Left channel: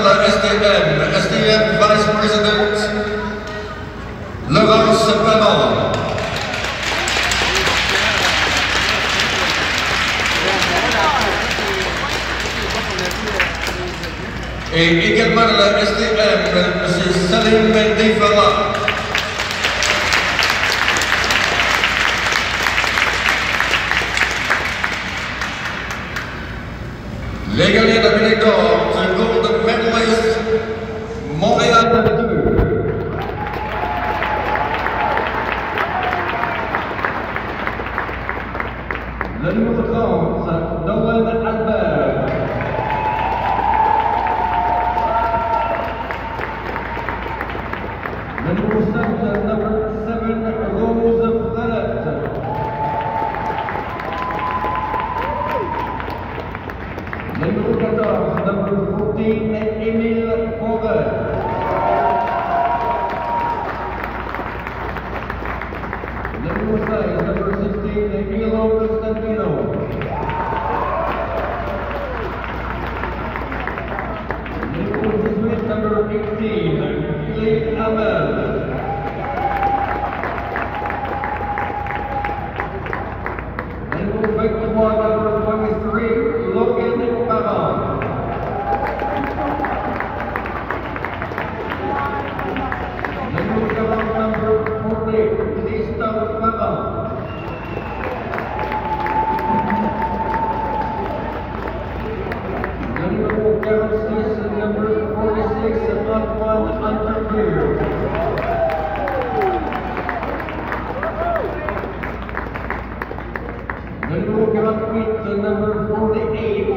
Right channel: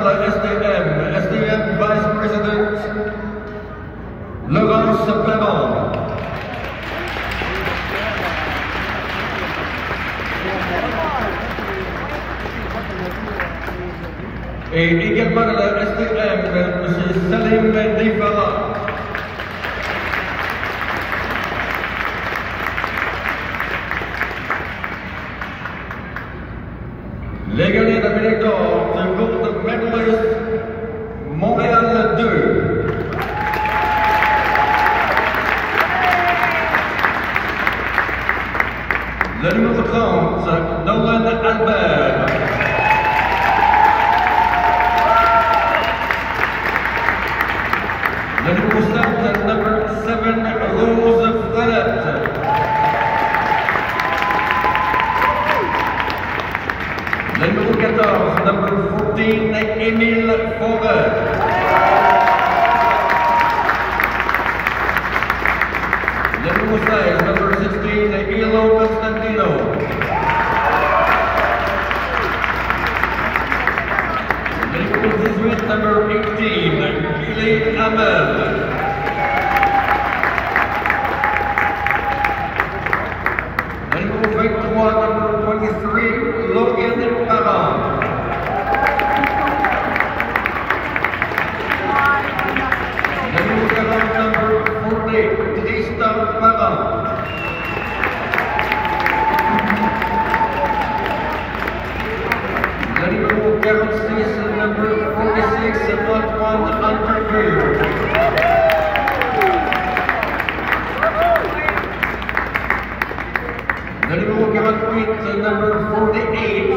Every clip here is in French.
La SDM Vice President Laurence Parent. Et également de la SDM, M. Salim Defara. Les gagnants de la médaille d'or, gold medalist, Montréal 2. Le numéro 30, Nolan Albert. Le numéro 7, number 7, Rose Frenette. Le numéro 14, number 14, Émile Forêt. Le numéro 16, number 16, Ilo Constantino. Le numéro 18, number 18, Billy Hamel. Le numéro 23, number 23, Logan Parent. Le numéro 40, number 40, Tristan Parent. Le numéro 46, number 46, Antoine Entrevue. Le numéro 48, number 48,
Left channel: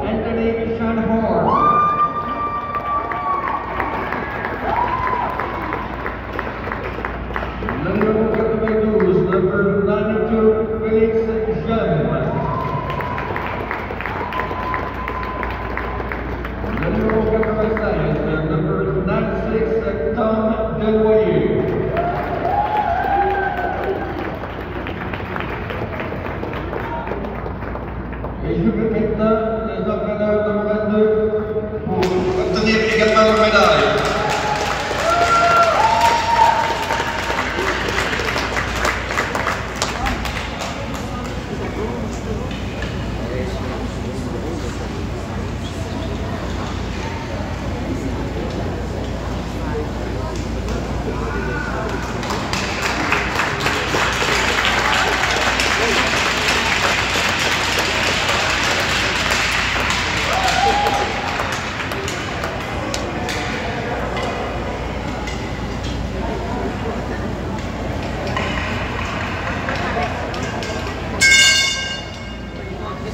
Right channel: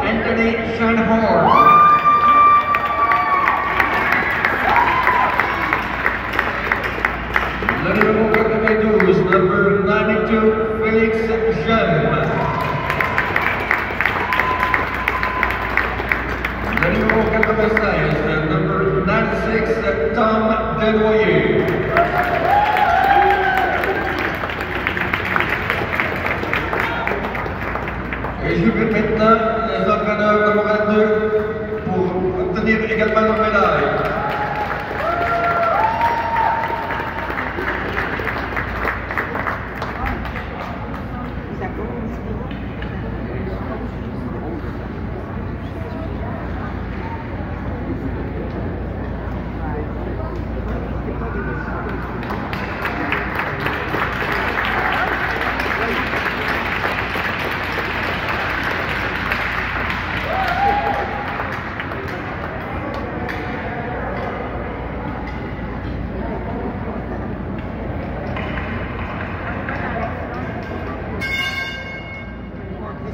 Anthony Shanhorn. Le numéro 92, number 92, Félix Jeune. Le numéro 96, number 96, Tom Desnoyers. Et je vais maintenant les entraîneurs de Montréal 2 pour obtenir également leur médaille.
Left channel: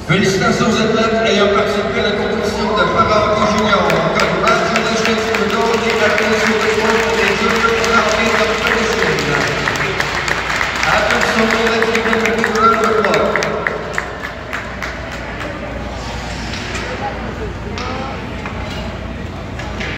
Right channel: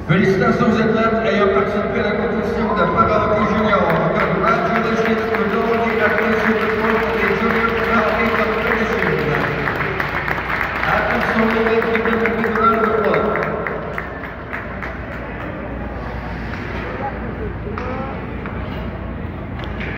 Félicitations aux athlètes ayant participé.